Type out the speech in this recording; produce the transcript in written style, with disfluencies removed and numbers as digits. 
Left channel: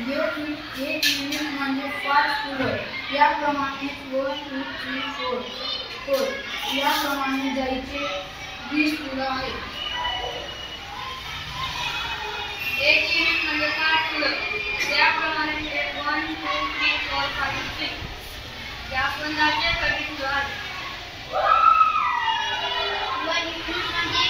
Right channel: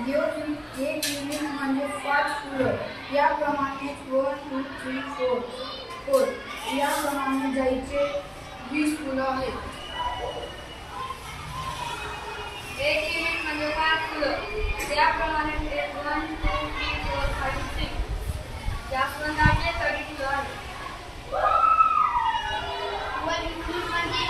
एक युनिट म्हणजे 5 फुलं. याप्रमाणे 1 2 3 4 याप्रमाणे जायचे 20 फुलं आहेत. एक युनिट म्हणजे 5 फुलं. त्याप्रमाणे 1 2 3 4 5 6 जास्वंदाचे 30 फुलं आहेत. 1 युनिट म्हणजे